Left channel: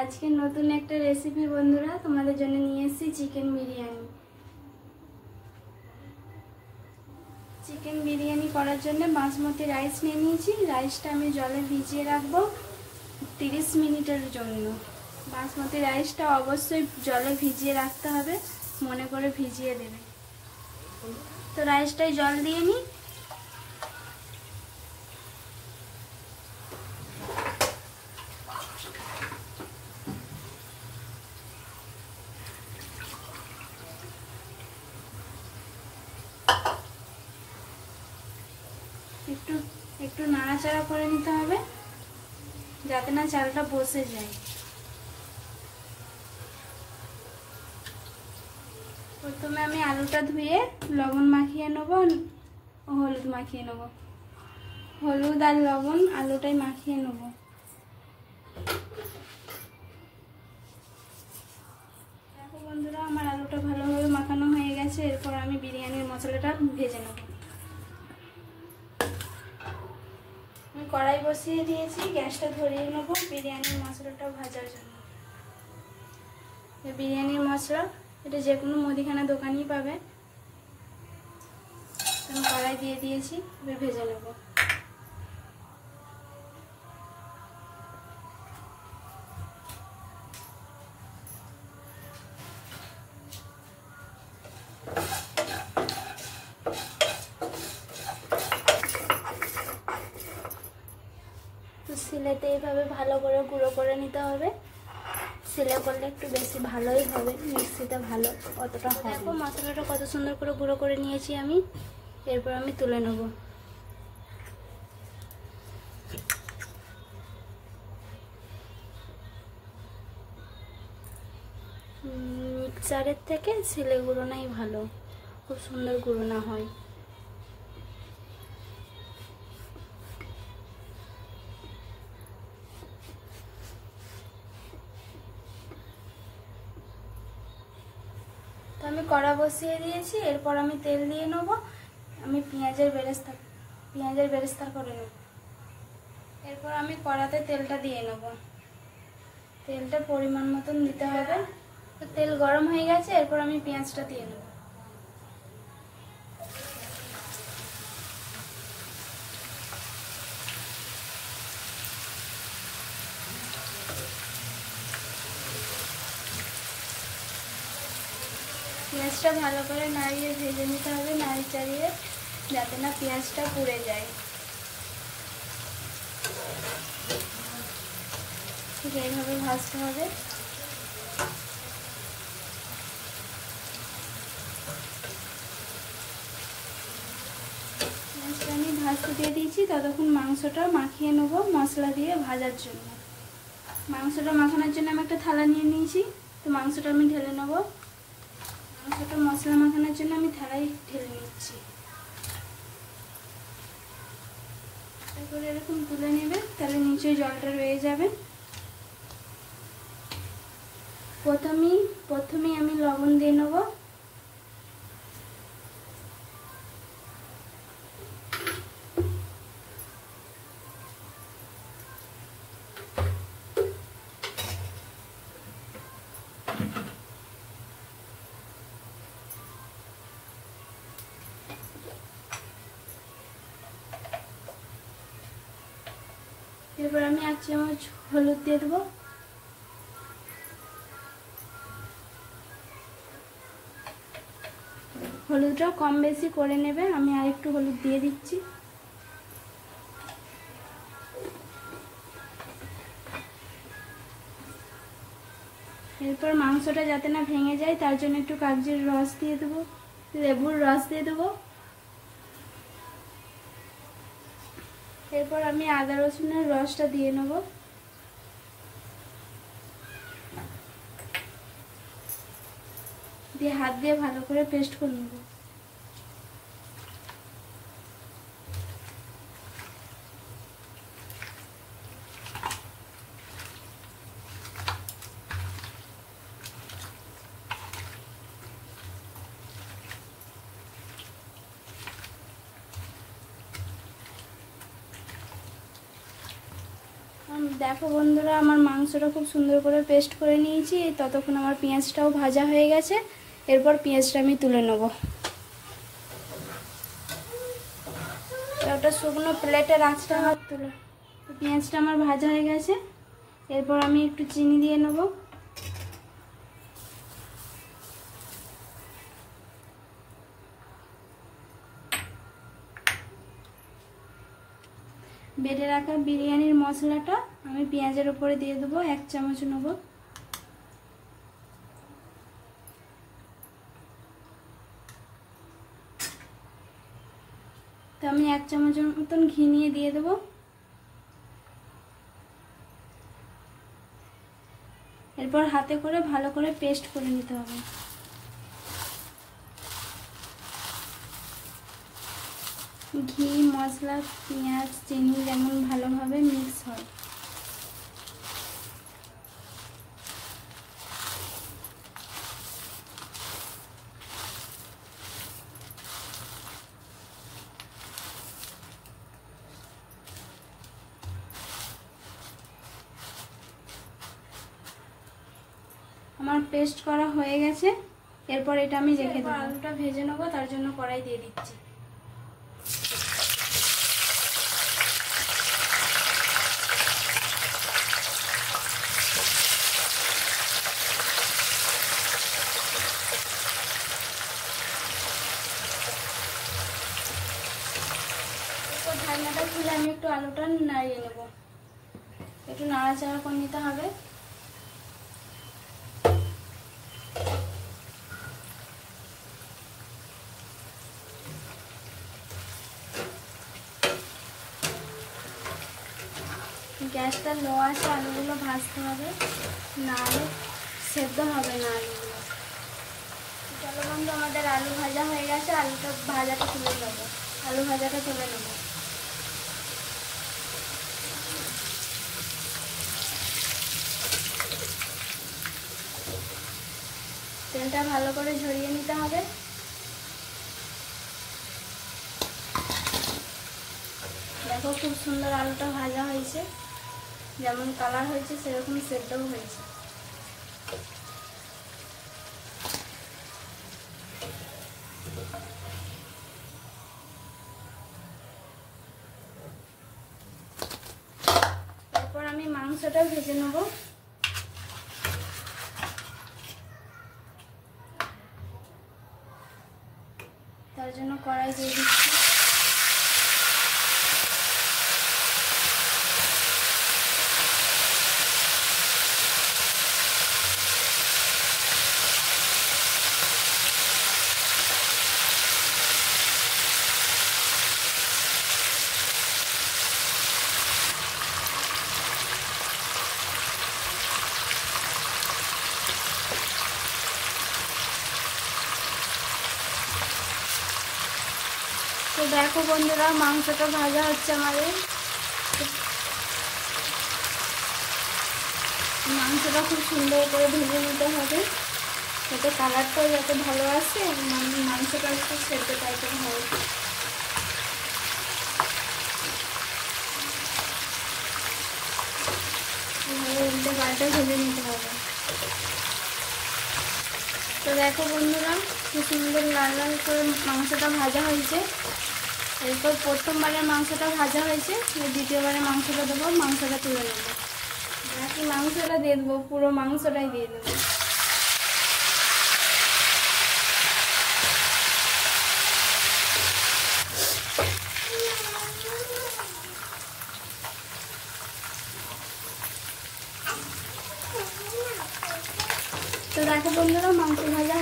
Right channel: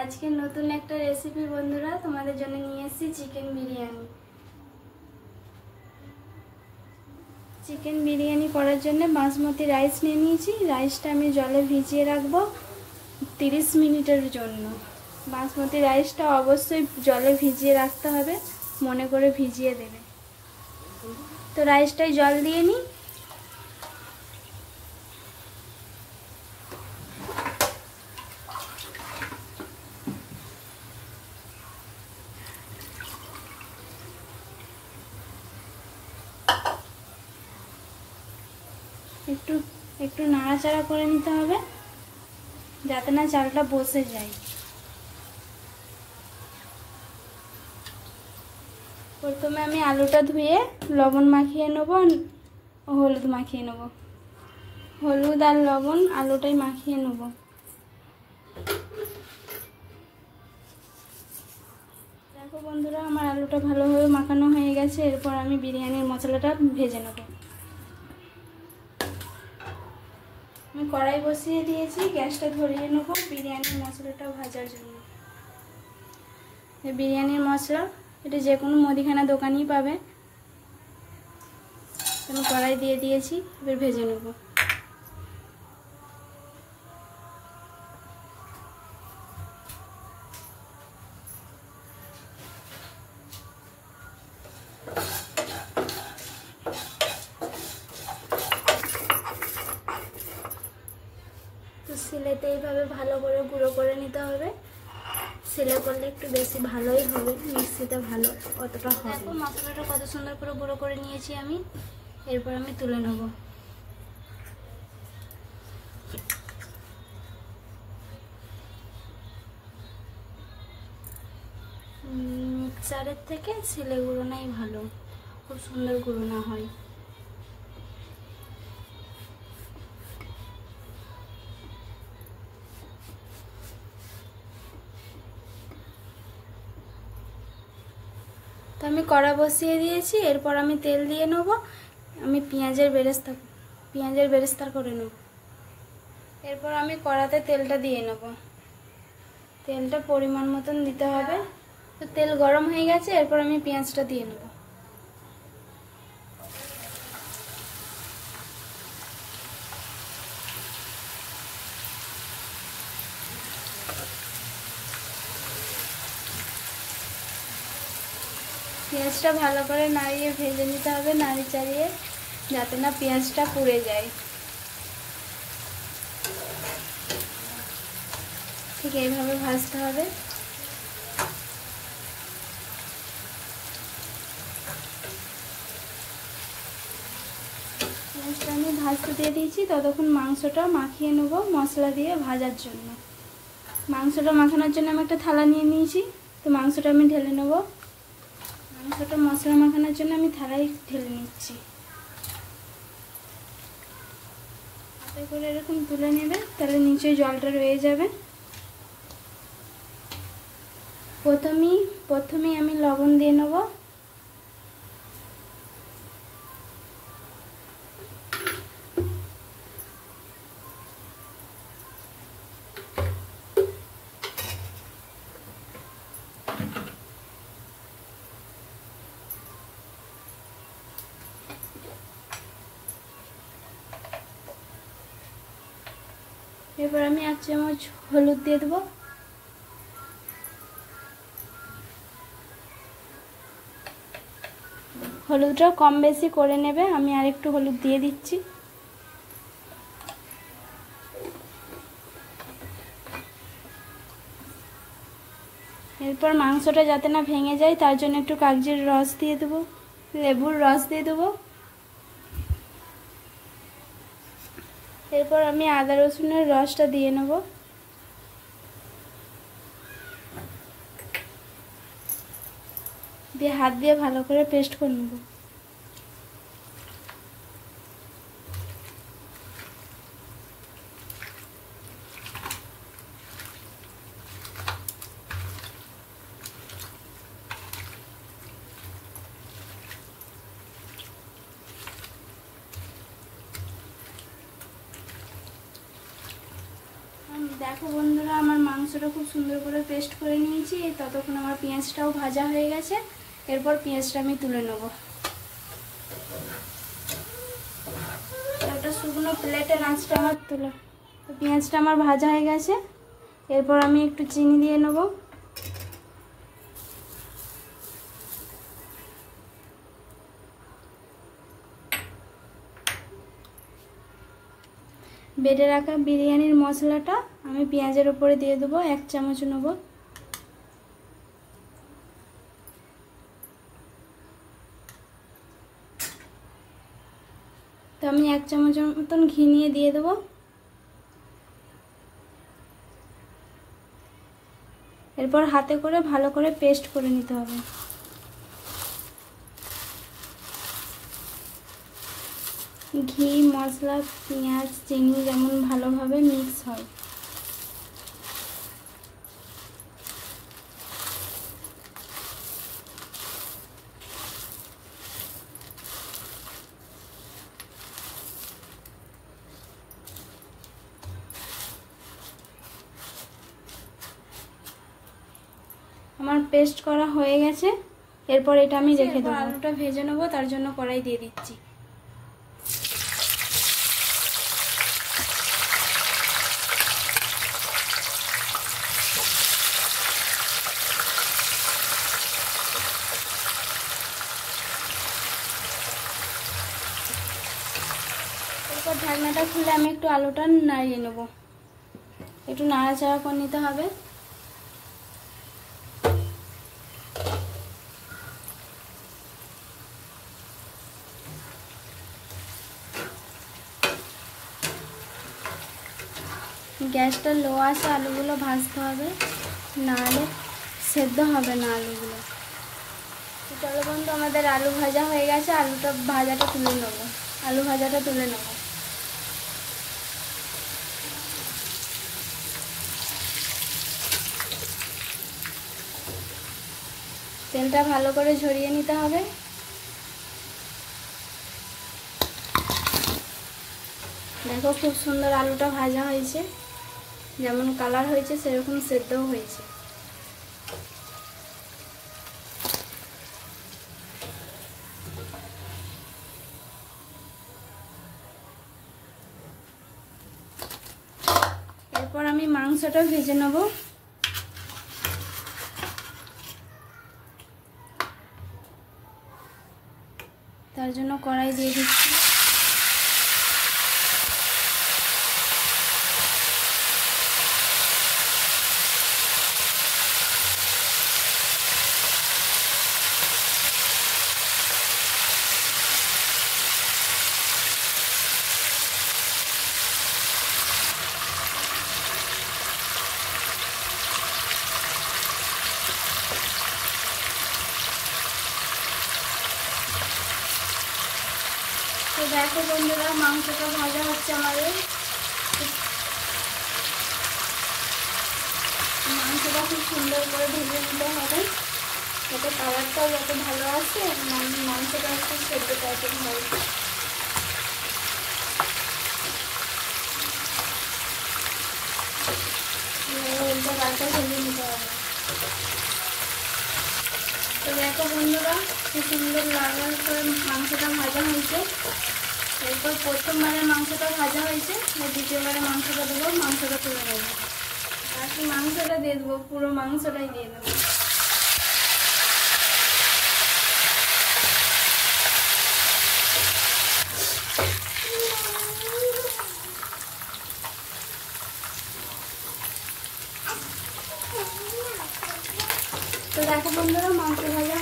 আজকে নতুন একটা রেসিপি বন্ধুরা তোমাদের জন্য নিয়ে এসেছি চিকেন বিরিয়ানি। চিকেন বিরিয়ানি করার জন্য বাসমতি রাইস নিয়ে নিয়েছি। রাইসটা আমি জলে ভিজিয়ে রাখবো 30 মিনিটের জন্য। বাসমতি রাইসটা অবশ্যই জলে ভিজিয়ে রাখতে হবে, মনে করে ভিজিয়ে দেবে। তো রাইসটাই জল দিয়ে নিই। একটু নাড়াচাড়া করে নিতে হবে যাতে না চালটা বসে যায়। প্রথমে আমি আলুটা ধুয়ে লবণ মাখিয়ে নেব, হলুদ মাখিয়ে নেব। হলুদ আর লবণ আলুটাই মাখিয়ে নেব। দেখো বন্ধুরা, আমার আলুটা ভালোভাবে মাখানো হয়ে গেছে। এরপর আমি বিরিয়ানির মশলাটা ভেজে নেব। আমি কড়াই বসিয়ে দিয়েছি, গ্যাসটা ধরিয়ে নেব বিরিয়ানির মশলাটা ভাজার জন্য। বিরিয়ানির মশলা এটা যে কোনো মুদিখানা দোকানেই পাবে। আমি কড়াই দিয়ে দিয়েছি, এবার ভেজে নেব। সিলেতে এইভাবে ভালো করে গুঁড়ো করে নিতে হবে। সিলে করলে একটু বেশি ভালোই হবে, মিক্সিতে ভালো অতটা হবে। মশলাটা কত সুন্দর করে গুঁড়ো করে নিয়েছি আমি। এরপর আমি তুলে নেব। মিক্সারের থেকে সিলে গুঁড়োনাই ভালো, খুব সুন্দর গুঁড়োনা হয়। তো আমি কড়া বসিয়ে দিয়েছি। এরপর আমি তেল দিয়ে নেব। আমি পেঁয়াজের বেরেস্তা করে নেব। এরপর আমি কড়াতে তেলটা দিয়ে নেব। তেলটা পরিমাণ মতন দিতে হবে। তো তেল গরম হয়ে গেছে, এরপর আমি পেঁয়াজটা দিয়ে নেব। পেঁয়াজটা ভালো করে নাড়িয়ে ভেজে নিতে হবে, নাড়ি চাড়িয়ে, যাতে না পেঁয়াজটা পুড়ে যায়। ঠিক এইভাবে ভাজতে হবে। পেঁয়াজটা আমি ভাজতে দিয়ে দিয়েছি। ততক্ষণ মাংসটা মাখিয়ে নেব মশলা দিয়ে ভাজার জন্য। মাংসটা মাখানোর জন্য আমি একটা থালা নিয়ে নিয়েছি। তো মাংসটা আমি ঢেলে নেব। মাংসটা মশলা মাখানোর জন্য আমি থালায় ঢেলে নিচ্ছি। এরপরে এরকম তুলে নেবে, তাহলে নিচে জলটা রয়ে যাবে। প্রথমেই আমি লবণ দিয়ে নেব। এরপর আমি 1 চামচ হলুদ দিয়ে দেবো। হলুদটা কম বেশি করে নেবে, আমি আর একটু হলুদ দিয়ে দিচ্ছি। এরপর মাংসটা যাতে না ভেঙে যায় তার জন্য একটু কাগজির রস দিয়ে দেবো, লেবুর রস দিয়ে দেবো। এরপর আমি আদা রসুনের রসটা দিয়ে নেব। দিয়ে হাত দিয়ে ভালো করে পেস্ট করে নেব। দেখো বন্ধুরা, আমার মাংস মাংসটা খুব সুন্দর করে পেস্ট করে নিয়েছি। ততক্ষণ আমার পেঁয়াজটাও ভাজা হয়ে গেছে। এরপর পেঁয়াজটা আমি তুলে নেব। একটা শুকনো প্লেটের আঁচটা আমার তুলে, তো পেঁয়াজটা আমার ভাজা হয়ে গেছে। এরপর আমি একটু চিনি দিয়ে নেব। বেটে রাখা বিরিয়ানির মশলাটা আমি পেঁয়াজের উপরে দিয়ে দেবো, 1 চামচ নেব। তো আমি 1 চামচের মতন ঘি নিয়ে দিয়ে দেবো। এরপর হাতে করে ভালো করে পেস্ট করে নিতে হবে। ঘি, মশলা, পেঁয়াজ, চিনি যেমন ভালোভাবে মিক্স হয়। আমার পেস্ট করা হয়ে গেছে। এরপর এটা আমি রেখে দেবো। আলুটা ভেজে নেবো, তার জন্য কড়াই দিয়ে দিচ্ছি। এরপর ঢাকনাটা খুলে আমি একটু আলুটা নাড়িয়ে নেবো। একটু নাড়াচাড়া করে নিতে হবে। গ্যাসটা লো আছে, আলুগুলো ভাজতে হবে, নাহলে সেদ্ধ হবে না আলুগুলো। চলো বন্ধু, আমাদের আলু ভাজা হয়ে গেছে। আলু ভাজাটা তুলে নেব। তেলটা ভালো করে ঝরিয়ে নিতে হবে। দেখো খুব সুন্দর আলুটা ভাজা হয়েছে, যেমন কালার হয়েছে সেরকম সেদ্ধও হয়েছে। এরপর আমি মাংসটা ভেজে নেব। তার জন্য কড়াই দিয়ে দিচ্ছি। তো দেখো বন্ধুরা, মাংসটা ভাজা হচ্ছে আমাদের। মাংসটা খুব সুন্দর করে ভেজে নিতে হবে, যাতে কালারটাও যাতে ভালো আসে এবং মাংসটা একটু সেদ্ধ টাইপের হয়। উল্টে পাল্টে ভেজে নিতে হবে। তো দেখো বন্ধুরা, খুব সুন্দর লাল করে মাংসটা ভাজা হয়েছে। এরপর প্রথমবারের মাংসটা ভাজা হয়েছে, দ্বিতীয়বারের মাংসটা দেবো, মাংসটা তুলে নেবো। বাকি মাংসটা দিয়ে দেবো, পুরো মাংসটাই দিয়ে দেবো। তো দেখো বন্ধুরা, মাংস ভাজা